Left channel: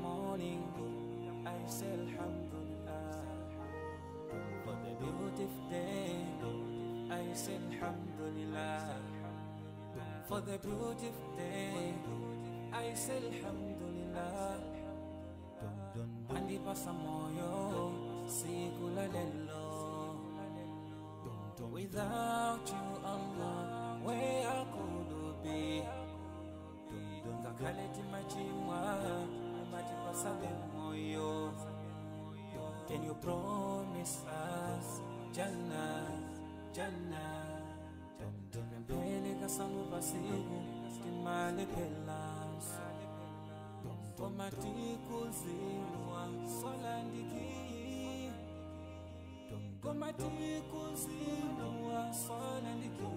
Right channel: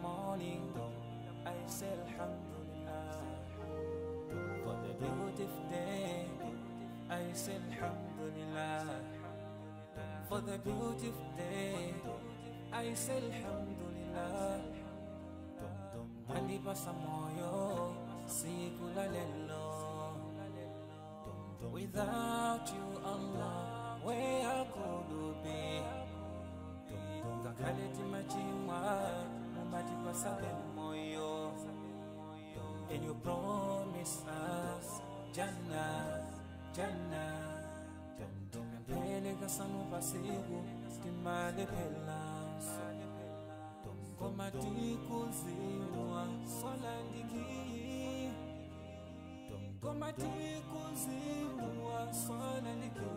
morning, I say Alhamdulillah. For the beautiful day, I say Alhamdulillah. For the beautiful day, I say Alhamdulillah. Mandi pasa moyo, sikula lelo. Without you, Allah, where could be? Ngakaleti machimwa, mabati pasale moyo. And you promise us Jannah, Jannah. Tipempele kasanu pasiku, timale pelanso. Komati kuziwa, solandiki. Komati kuziwa, solandiki.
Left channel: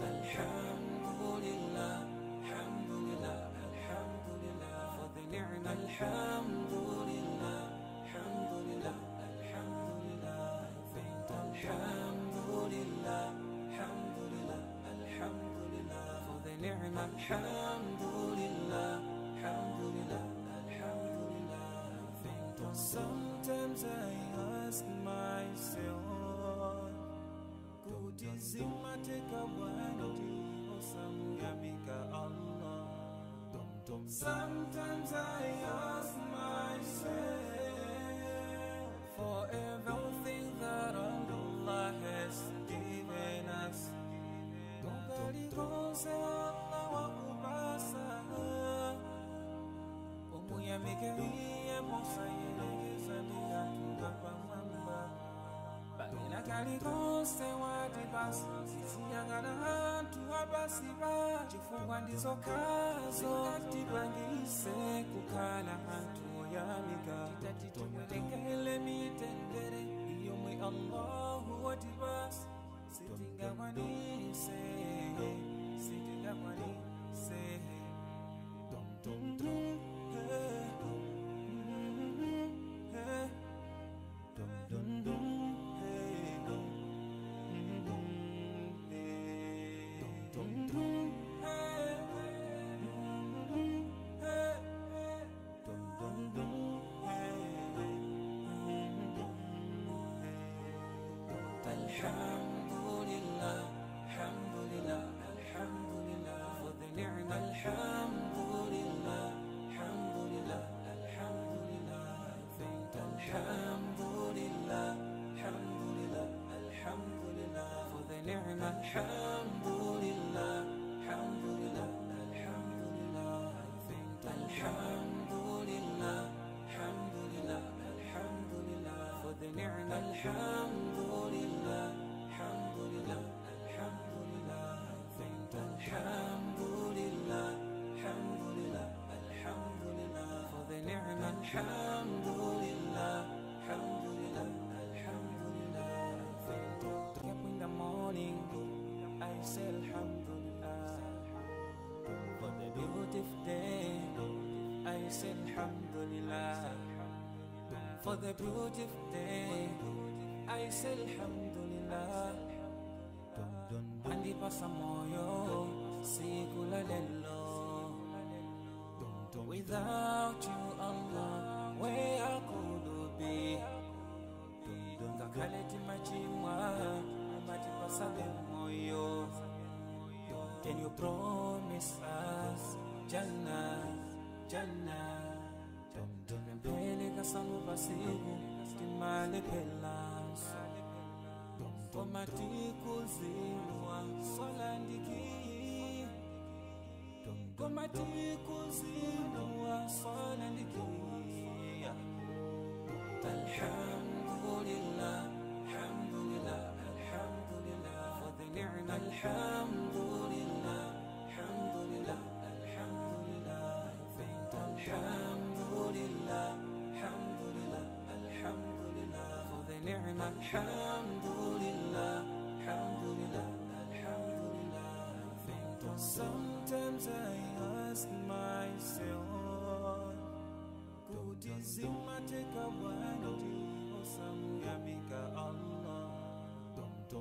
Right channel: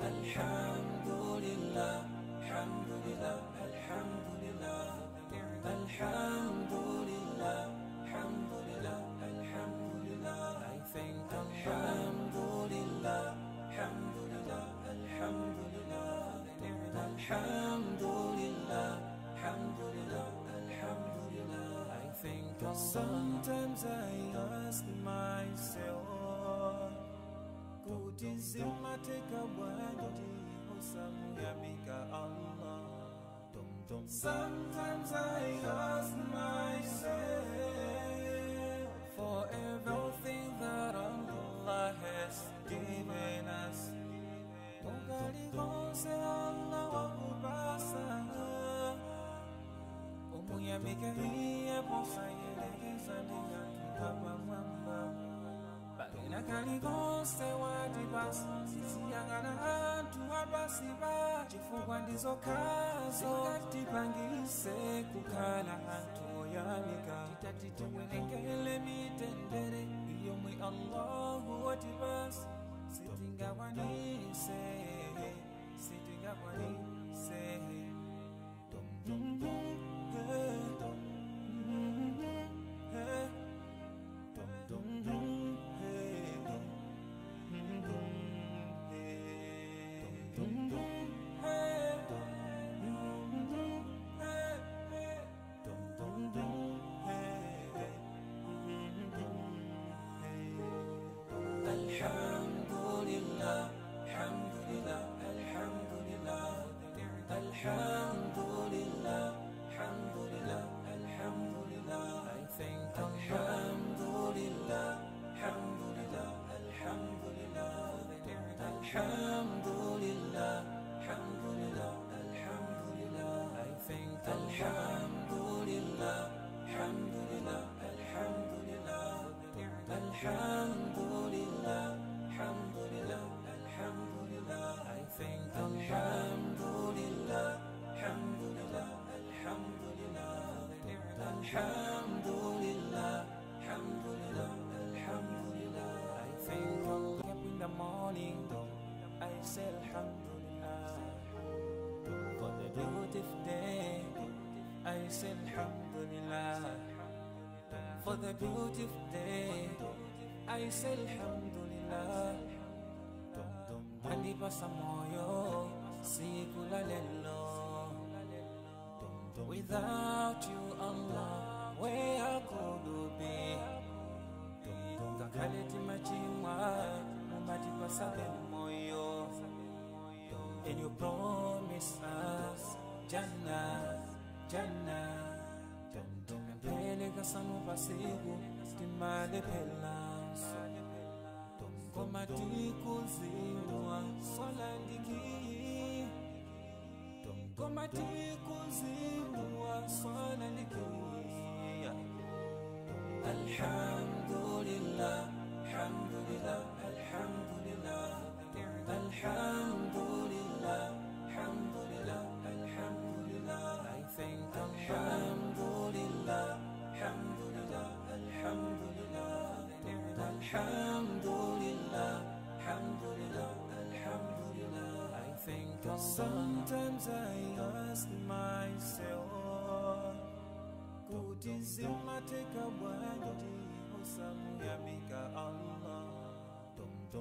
Alhamdulillah, alhamdulillah, alhamdulillah for the ni'mah. Alhamdulillah, alhamdulillah, alhamdulillah. I thank Alhamdulillah, alhamdulillah, alhamdulillah for the ni'mah. Alhamdulillah, alhamdulillah, alhamdulillah. I thank Allah. Sometimes I ask myself, kutizima teka wandi osamu yamika Allah. Sometimes I ask myself for everything that Allah has given us. Mugali konse Allah wa kubasa. Omu yamika hiye posa yelekeza ndiga tuhapa mwamba. Bagina kali konse wadibasi, sisi yangana hantu abasiba. Chifungwa ndizo kazo, katipangise kukala hantu yamika. Titatiti welengele mitendere, iyo mwe Allahu wadibasi. Sitinga wanise, sitinga wanise. Alhamdulillah, alhamdulillah, alhamdulillah for the ni'mah. Alhamdulillah, alhamdulillah, alhamdulillah. I thank Alhamdulillah, alhamdulillah, alhamdulillah for the ni'mah. Alhamdulillah, alhamdulillah, alhamdulillah. I thank Alhamdulillah, alhamdulillah, alhamdulillah for the ni'mah. Alhamdulillah, alhamdulillah, alhamdulillah. I thank Alhamdulillah, alhamdulillah, alhamdulillah for the ni'mah. Alhamdulillah, alhamdulillah, alhamdulillah. I thank Allah. Wake up in the morning, I say Alhamdulillah. For the beautiful day, I say Alhamdulillah. For the beautiful day, I say Alhamdulillah. Mandi pasa moyo, sikula lelo. Without you, Allah, where could be? Ngakaleti machimwa, mabati pasale moyo. And you promise us Jannah, Jannah. Tipempele kasanu pasiku, timale pelanso. Komati kuziwa, solandiki. Komati kuziwa, solandiki. Alhamdulillah, alhamdulillah, alhamdulillah for the ni'mah. Alhamdulillah, alhamdulillah, alhamdulillah. I thank Alhamdulillah, alhamdulillah, alhamdulillah for the ni'mah. Alhamdulillah, alhamdulillah, alhamdulillah. I thank Allah. Sometimes I ask myself, kutizima teka wandi osamu yamika Allah.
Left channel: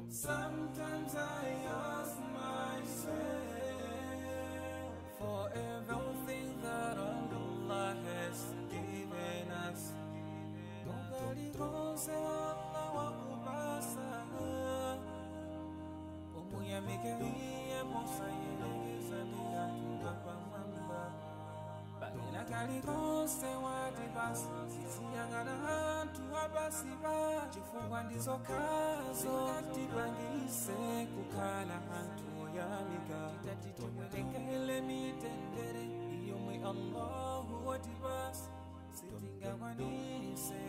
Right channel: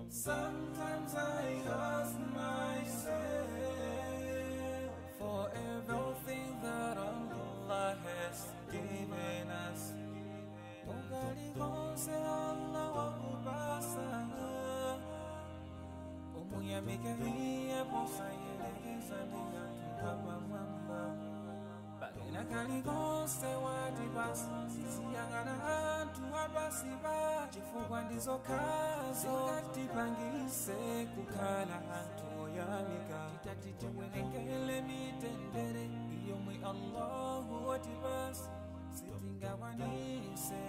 Sometimes I ask myself for everything that I'm tuyamike iye posayelekeza ndi anthu apamwamba. Pagena kalikonse wati basi tiziyang'ana anthu apasi pa chifukwa ndizokhazo tipangise kukhala anthu oyamika. Titati tiwerengele mitendere yomwe Allahu watipasa sitingakwanise.